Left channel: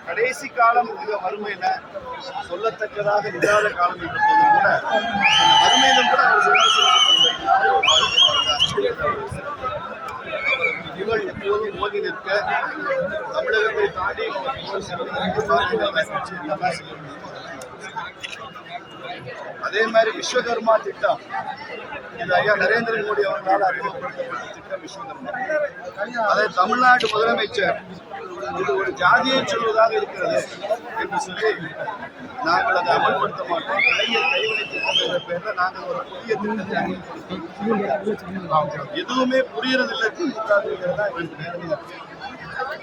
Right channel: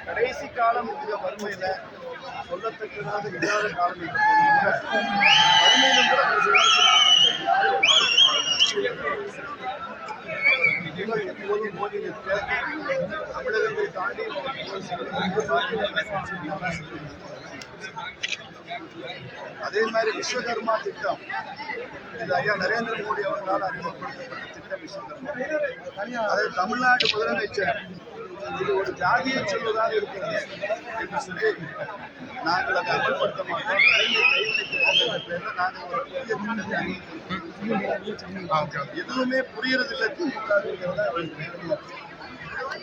கடைசி காலம் மிக வறுமையில சொல்லத்தக்கதாக இல்லாத காலம் என்ற போதும் கூட வறுமையிலும் கூட புகழ் எப்போதும் மோதி நிற்க தமிழகத்தை தாண்டி அதே மாதிரி விஸ்வகர்மா திட்டம் இது ஐயா நரேந்திர மோடி அவர்களால் அறிமுகப்படுத்தப்பட்ட திட்டம் விஸ்வகர்மா அதை தமிழ்நாடு முதலமைச்சர் இது ஒரு ஜாதியை சொல்வதாக இருக்கிறது என்று சொல்லி நாங்கள் அதை அமல்படுத்த மாட்டோம். கலைஞர் கைவினை திட்டம் என்ற பெயரில் நாங்கள் ஒரு புதிய திட்டத்தை அறிமுகப்படுத்தோம் எதுவுமே புரியறதில்லை திமுக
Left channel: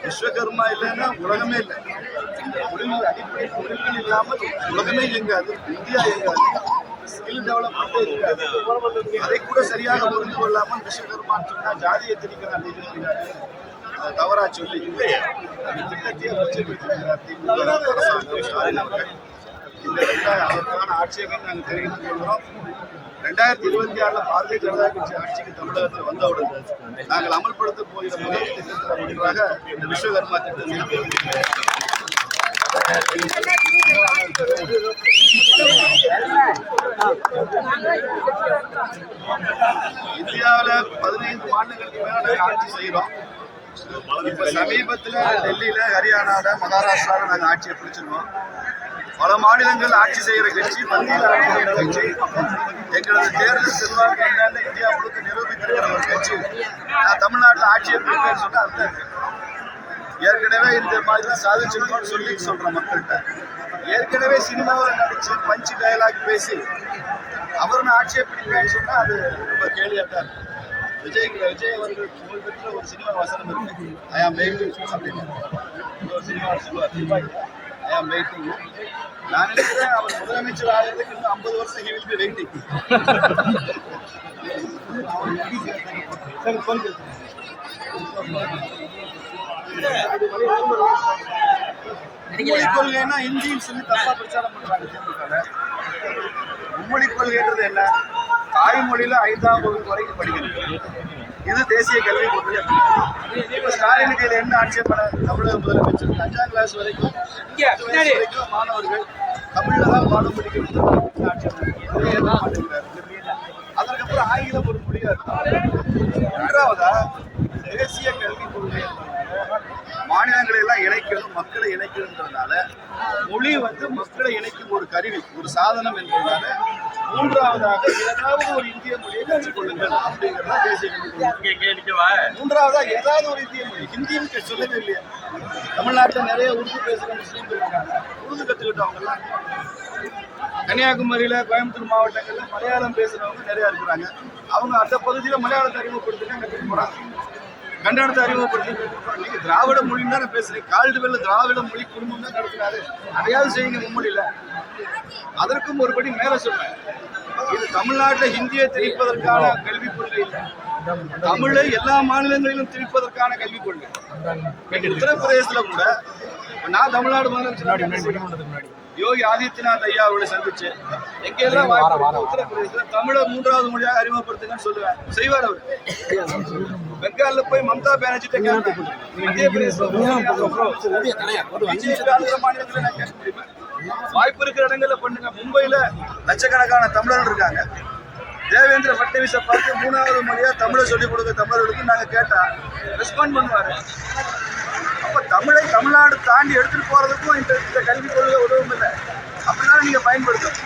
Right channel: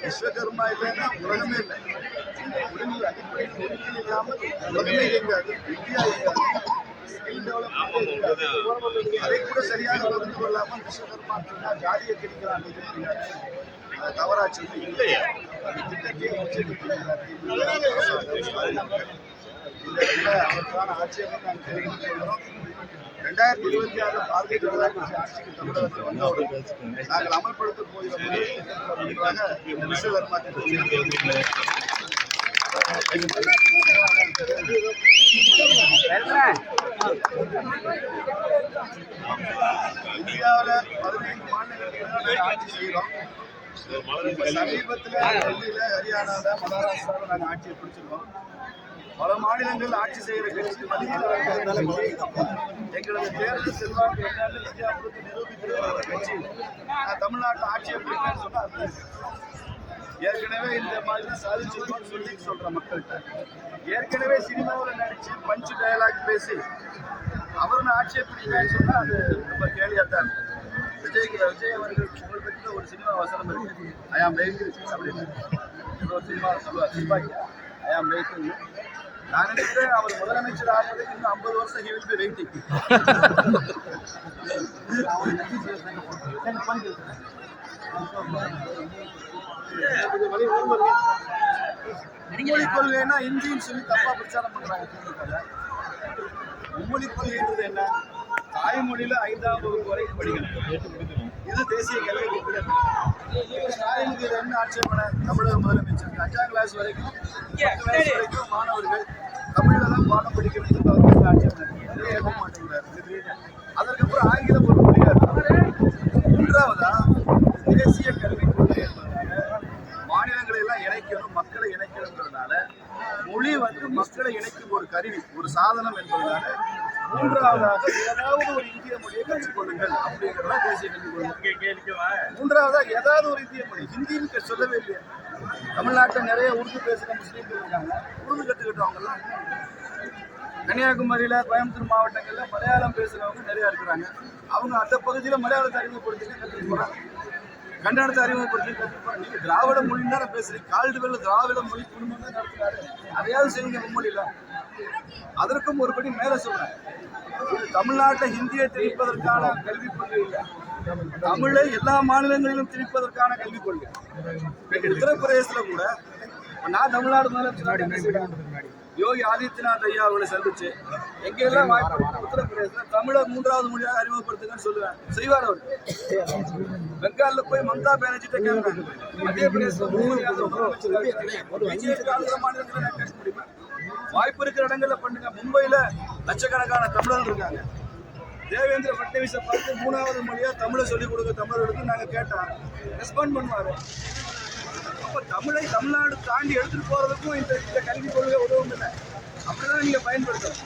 விஸ்வகர்மா இல்லைன்னா உலகமே இல்லை. தொழில் அடிப்படை தொழில்கள் இல்லாமல் உலகமே இயங்காது இந்தியா இயங்காது ஸ்கில் டெவலப்மெண்ட்டே இருக்காது. அதை கூட சரியாக புரிந்து கொள்ளாமல் விஸ்வகர்மான்னு சொன்னால் ஜாதியை திணிக்கிறான் அதை தவறாக சொல்லி அந்த திட்டத்தையே உச்சநீதிமன்ற திமுக அரசாங்கம் ஸ்டாலின் அவர்கள் இந்த அவருக்கான ஆட்சேபம் நாங்கள் தெரிவித்துக் கொள்கிறோம். ரெண்டாயிரத்தி இருபத்தி ஆறுல பாரதிய ஜனதா கட்சி ஆட்சிக்கு தமிழகத்தில் வந்தவுடன் நாங்கள் அமல்படுத்த போகிற முதல் திட்டத்தில் ஒன்றாக இந்த விஸ்வகர்மா திட்டம் இந்தியாவில் பதினைந்து மாநிலங்களுக்கு மேல நாங்கள் ஆட்சி செய்கிறோம். சமீபத்தில் டெல்லியில ஹரியானால மகாராஷ்டிரால நாங்கள் ஆட்சியை பிடிச்சிருக்கோம். பல மாநிலங்கள் ஆட்சி செய்யற கட்சி மத்தியில் ஆட்சி செய்யற கட்சி. எங்களது தேர்தல் செல்வாக்கு என்னன்னு இந்தியா முழுக்க நிரூபித்திருக்கிற ஒரு கட்சி. நான் தமிழ்நாட்டில் ஆட்சியை பிடிப்பேன்னு சொன்னா அந்த ஏற்கனவே இந்த மாதிரி சாதிச்சிருக்கோம்னு சொல்லி சொல்ற மக்கள்கிட்ட. ஏற்கனவே சினிமாவில் நடிச்சு பஞ்சு டயலாக் பேசி அவர் நான் ஆட்சியை பிடிப்பேன்னு சொன்னா அது ரொம்ப கேள்வியாக தான் இருக்கும். விஜய் விஜய் அவர்கள் புகழ்பெற்ற ஒரு சினிமா வசனம் இருக்கு. ஐ ஆம் மேட் அப்படின்னு ஒரு சினிமா சொல்லுவார். ஐ ஆம் மேட் நான் நினைக்கிறேன் அவர் முதலமைச்சர் ஆகிறதுக்கு இன்னும் ஐம்பது வருஷம் ஹி வில் பி வெயிட்டிங் மும்மொழி கொள்கைன்னா இந்தின்னு சொல்லி தப்பா பிரச்சாரம் பண்றாங்க திமுக மும்மொழி கொள்கைன்றது என்ன? தாய்மொழியில ஐந்தாம் வகுப்பு வரைக்கும் படிக்கிறது இது தேசிய கல்வி கொள்கை. இப்ப ஸ்டாலினுக்கு இதுல என்ன ஆட்சேபனை? தமிழக முதலமைச்சர் அஞ்சாம் கிளாஸ் வரைக்கும் வரைக்கும் மாணவர்கள் தமிழில் தான் பாடம் படிக்கணும் ஆட்சேபனை. அதற்கப்புறம் ஆங்கிலம் பண்ண முடியாது மூன்றாவதா தேசிய கல்வி கொள்கை. மாநிலங்களை எல்லாம் இணைக்கணும் மக்களை இணைக்கணுங்கிறதுனால மொழி வந்து மக்களை இணைக்கும் ஒரு கருவி ஒரு சாதனம் என்பதனால மூன்றாவதாக ஏதாவது ஒரு இந்திய மொழியை கற்றுக்கொள்ளுங்கள் அப்படிங்கிறதா தேசிய கல்விக் கொள்கை. மூன்றாவதா ஏதாவது ஒரு இந்திய மொழி ஹிந்தின்னு கே- சொல்லவே இல்லையா. தமிழ்நாட்டில் நிறைய உருது பேசுகிற முஸ்லீம்கள் இருக்காங்க. உருது கற்றுக்கிட்டவங்கலாம் கன்னியாகுமரியில கோயம்புத்தூர் மாவட்டங்கள்ல மலையாளம் பேசுறவங்க நிறைய இருக்கிறாங்க. அவங்க அந்த பகுதியில மலையாளத்தை அறிமுகப்படுத்தி கற்றுக்க போறாங்க. கன்னடத்தை அறிமுகப்படுத்தி. நீங்க திராவிட மொழி தானே கால்டு கால்டுவெல்ல திராவிட மொழி குடும்பம் தான் நடத்தினாரு அதையாவது செய்யுங்க மும்மொழியில அதற்கும் ஒருபடி மேல சொல்றேன். இது தமிழ்நாட்டில் ஹிந்தியை திணிப்பதற்கான கல்விக் கொள்கை இல்லை. தமிழை எல்லா மாநிலங்களிலும் திணிப்பதற்கான கல்விக் கொள்கை. இன்னைக்கு உத்தரப்பிரதேசத்துல கூட நான் தமிழ்நாடு முதலமைச்சர். யோகி ஆதித்யநாத் ஐயா அவர்களை சந்திச்சு எங்க எல்லாம் வாய்ப்பு இருக்கோ உத்தரப்பிரதேசத்துல தமிழை மூன்றாவது மொழியாக அறிமுகப்படுத்துங்கன்னு சொல்லுவேன். செய்வார் அவர். பெங்கால்ல போய் மம்தா பானர்ஜி மத்திய பிரதேச மாநிலத்துல நான் கேட்க முடியுமா? வாய்ப்பு இருக்கிற இடங்கள்ல பண்ணுங்க. மும்பையில லட்சக்கணக்கான தமிழர்கள் இருக்காங்க. தேவேந்திர பட்டவிஸை பார்த்து மூணாவது மொழியா தமிழை சொல்லிக் கொடுக்க தமிழர்களுக்கு நாங்க கேட்டா ரெஸ்பாண்ட் பண்ணுவாரு. அப்ப தமிழை தமிழ்நாடு தாண்டி எடுத்துட்டு போறதுக்கும் இந்த இந்த கல்விக் கொள்கை உதவும் இல்லை. அப்படிதான் நீங்க பயன்படுத்தணும்.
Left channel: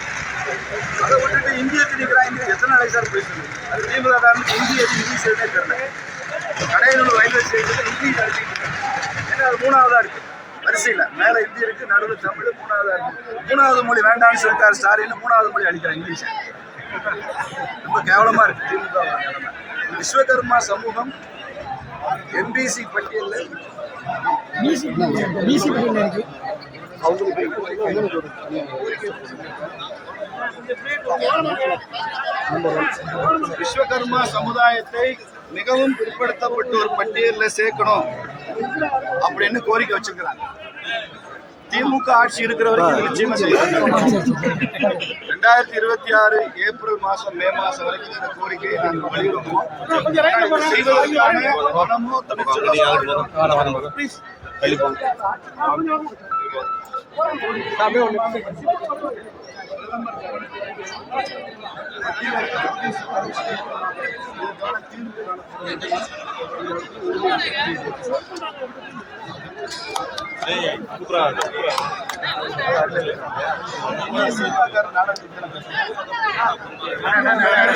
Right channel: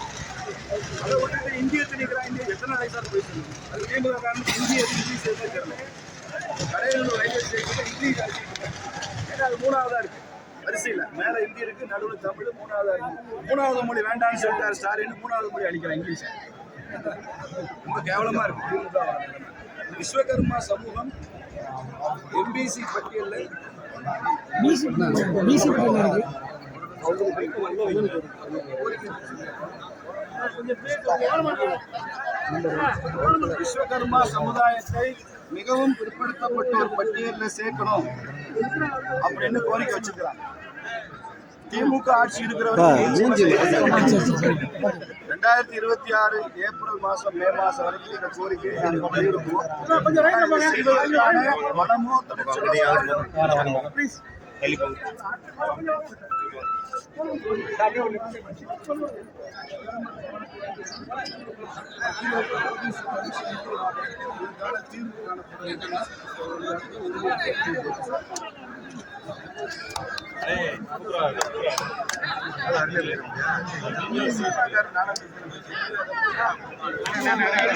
அதை விட்டுட்டு இந்திய திணிக்கிறான் இந்திய எத்தனை நாளைக்கு சார் போயிட்டு அது திமுக காரனுக்கு இந்திய இந்தி சேர்ந்தே தெரியல. கடையனூர் ரயில்வே ஸ்டேஷன்ல இங்கிலீஷ் அடிச்சுட்டு இருக்காங்க. ஏன்னா அது மூணாவதா இருக்கு. வரிசையில். மேலே இந்தி இருக்கு நடுவில் தமிழ் மூணாவதா இருக்கு. மூணாவது மொழி வேண்டாம்னு சொல்லிட்டார் ஸ்டாரின்னு மூணாவது மொழி அடிக்கிறான் இங்கிலீஷை. ரொம்ப கேவலமா இருக்கு திமுக விஸ்வகர்மா சமூகம் எம்பிசி பட்டியலில் விஸ்வகர்மா சமுதாயத்தை மிகவும் பிற்படுத்தப்பட்ட ஒரு பட்டியலில் சேர்க்கணும் அப்படின்னு கோரிக்கை வச்சிருக்கிறாங்க. திமுக ஆட்சி இருக்கிற வரைக்கும் நிச்சயமா ரெண்டாயிரத்தி இருபத்தி ஆறு ஏப்ரல் மாசம் மே மாசம் வரைக்கும் இந்த கோரிக்கையை நாங்கள் வலியுறுத்துவோம். செய்வதற்கான பணமோ துணிச்சலோ Please.